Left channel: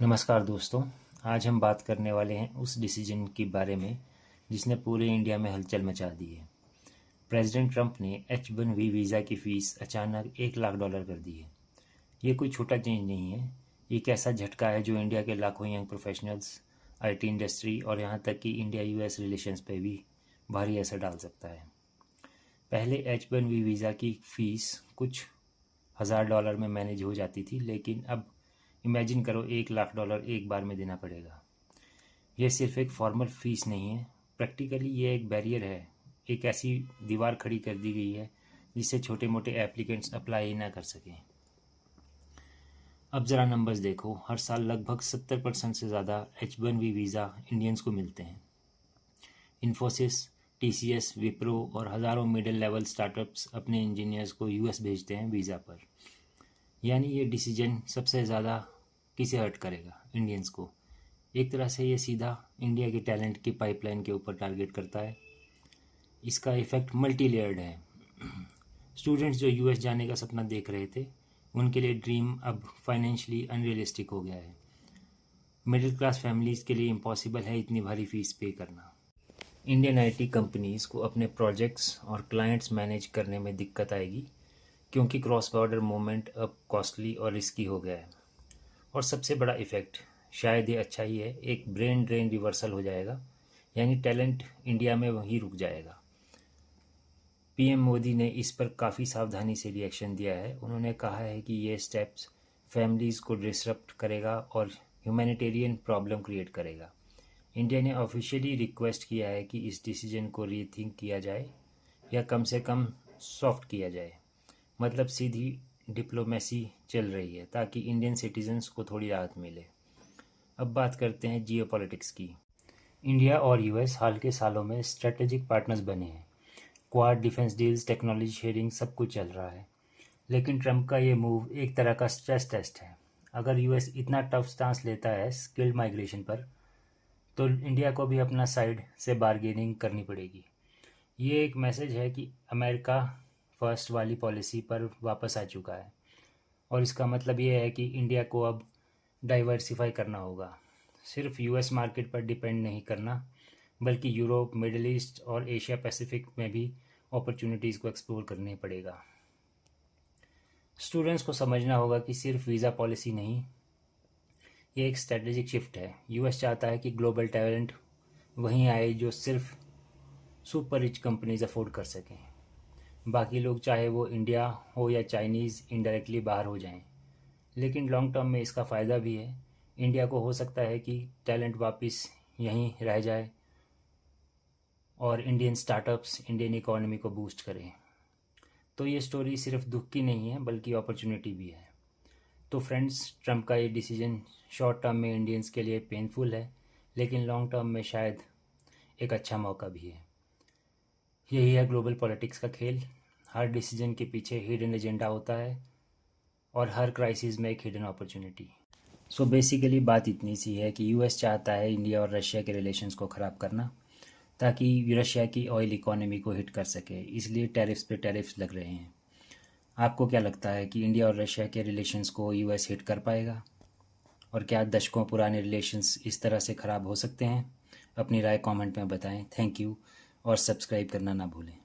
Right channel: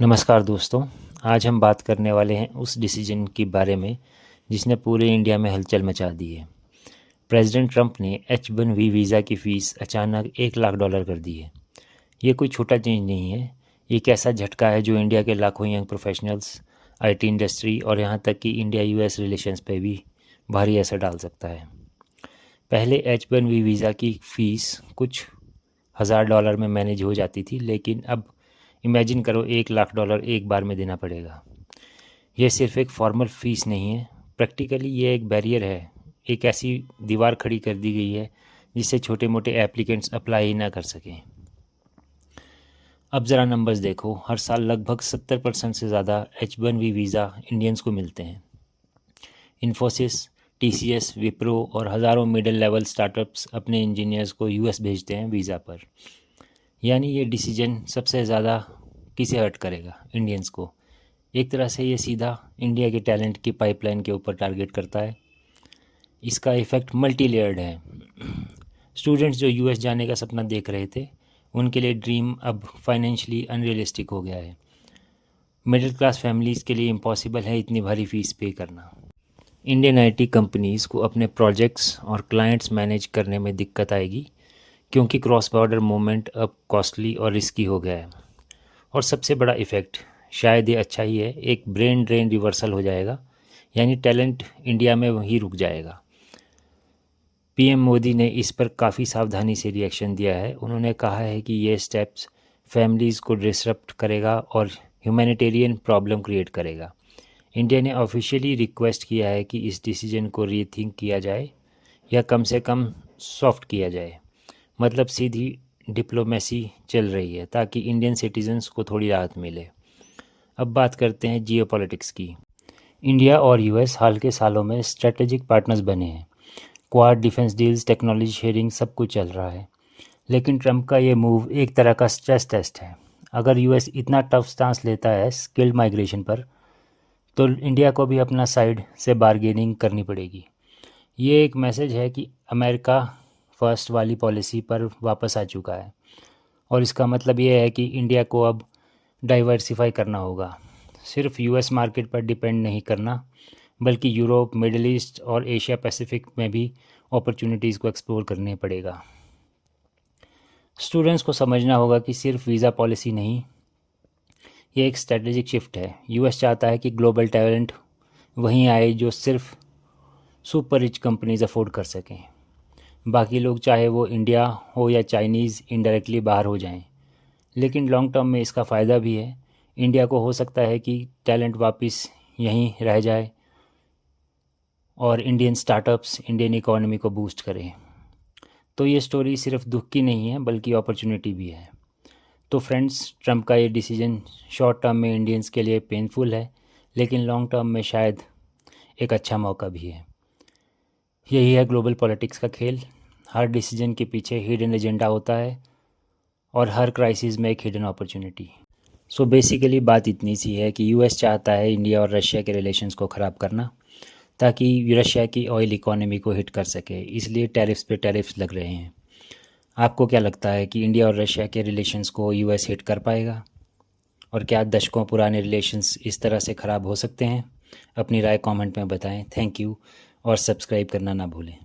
नमस्कार दोस्तों। आज हम बात करने वाले हैं उस डिसीजन के बारे में जिसने पूरे इंडिया में हलचल मचा दी है। प्रेसिडेंट ट्रंप ने H-1B वीज़ा की फ़ीस अचानक $1 लाख कर दी है। ये कोई छोटा चेंज नहीं है। ये एक ऐसा झटका है जो इंडिया के लाखों यंग प्रोफेशनल्स, IT इंडस्ट्री और यहाँ तक कि इंडिया US रिलेशंस पे भी भारी असर डाल सकता है। पहले H-1B वीज़ा की फ़ीस कुछ $1000 में मैनेज हो जाती थी, लेकिन अब इमेजिन करो $1 लाख एक बार में देना पड़ेगा। यह सिर्फ एक फॉर्मल फ़ीस नहीं है, प्रैक्टिकली ये एक बैरियर है। एक ऐसी दीवार खड़ी कर दी गई है जिससे छोटे मोटे एप्लीकेंट्स अप्लाई ही ना कर सकें। अब ज़रा नंबर्स देखो। हर साल लगभग 70% से ज़्यादा H-1B वीज़ा इंडियंस को मिलते हैं। इन्फोसिस, TCS, विप्रो और हज़ारों मिडिल लेवल स्टार्टअप्स अपने इंजीनियर्स को US भेजते हैं वीज़ा पर। यानी ये डिसीजन सबसे ज़्यादा किसे हर्ट करेगा? इंडियंस को। एक तरह से ये सीधा इंडिया के टैलेंट की पाइपलाइन के ऊपर टारगेट करता है। इसका इफ़ेक्ट मल्टी लेयर्ड है। स्टूडेंट्स जो US जाने का सपना देख रहे थे, उनके लिए ड्रीम अब फाइनेंशियली अनरियलिस्टिक हो गया है। मिडिल क्लास फैमिलीज़ के लिए इम्पॉसिबल है इतनी भारी फ़ीस पे करना। इंडियन IT कंपनीज़ को अपने प्रोजेक्ट्स और क्लाइंट्स मैनेज करने में दिक्कत आएगी, क्योंकि क्रॉस बॉर्डर मूवमेंट अब कॉस्टली और रिस्की हो गया है। और सबसे बड़ा इफ़ेक्ट शायद ये अच्छा ही है, एक ब्रेन ड्रेन रिवर्सल हो जाएगा, यानी टैलेंट इंडिया में वहीं रुक जाएगा। PM मोदी ने इस पर काफ़ी सावधानी से रिएक्शन दिया है। उन्होंने कहा है कि ये स्टेप्स फैमिलीज़ को डिसरप्ट करेगा और ह्यूमैनिटेरियन प्रॉब्लम क्रिएट करेगा। इंडिया ने ऑफिशियली रिक्वेस्ट किया है कि इस डिसीजन को रीथिंक किया जाए या कम से कम सॉफ्ट किया जाए। मतलब सीधी डिप्लोमेसी चल रही है ताकि इंडियन सिटीजन्स को थोड़ी राहत मिले। अब बात करते हैं जियोपॉलिटिक्स की। इंडिया और US हाल के सालों में स्ट्रेटेजिक पार्टनर्स बने हैं। Quad, defence deals, technology sharing सब कुछ चल रहा है। लेकिन ट्रंप का ये मूव एक तरह का स्ट्रेस टेस्ट है। अगर US इतना टफ स्टांस लेता है स्किल्ड माइग्रेशन पर, तो इंडिया को भी अपना साइड से बार्गेनिंग करनी पड़ेगी। ये एक मैसेज है कि अमेरिका फर्स्ट वाली पॉलिसी पर वापस आ चुका है, और इसका मतलब ये है कि इंडिया को अब डाइवर्सिफाई करना होगा। सिर्फ US मार्केट पर डिपेंड नहीं करना, बल्कि यूरोप, मिडिल ईस्ट और एशिया पैसिफिक में भी अपॉर्चुनिटीज़ को एक्सप्लोर करने पड़ेगा। स्टूडेंट्स को समझना होगा कि सिर्फ वीज़ा पॉलिसी नहीं, ये एक स्ट्रेटेजिक शिफ्ट है। US चाहता है कि ग्लोबल टैलेंट वहीं आए जो सिर्फ सुपर रिच कंपनीज अफोर्ड कर सकें। बाकी लोग, चाहे वो इंडिया हो या चाइनीज़, इनडायरेक्टली बाहर हो जाएं। लेकिन लॉन्ग टर्म में इसका फ़ायदा भी है। इंडिया को हो सकता है कि टैलेंट वापस यहीं रह जाए और इंडियन स्टार्टअप्स इंडियन इकोनॉमी को बूस्ट करें। तो ये स्टोरी सिर्फ दुख की नहीं है, बल्कि अपॉर्चुनिटी भी है। तो फ्रेंड्स, ट्रंप का ये डिसीजन शॉर्ट टर्म में इंडियंस के लिए पेनफुल है, लेकिन लॉन्ग टर्म में शायद एक अच्छा मौका भी है। यही है ग्लोबल पॉलिटिक्स का खेल। हर डिसीजन के पीछे हिडन एजेंडा होता है और हर क्राइसिस में एक हिडन अपॉर्चुनिटी। सो बेसिकली बात इतनी सी है कि US चाहता है इंडिया और रशिया के रिलेशंस को ख़राब करना, ताकि रशिया की ऑयल इकोनॉमी को हिट कर सके। इसलिए टैरिफ्स पे टैरिफ्स लग रहे हैं। आपको क्या लगता है कि इंडिया और रशिया के रिलेशंस को US हिट कर पाएगा? और क्या दशकों पुराने रिलेशंस इस तरह से ख़राब हो सकते हैं? अपनी राय कमेंट में बताएं। थैंक यू, और सब्सक्राइब करना ना भूलें।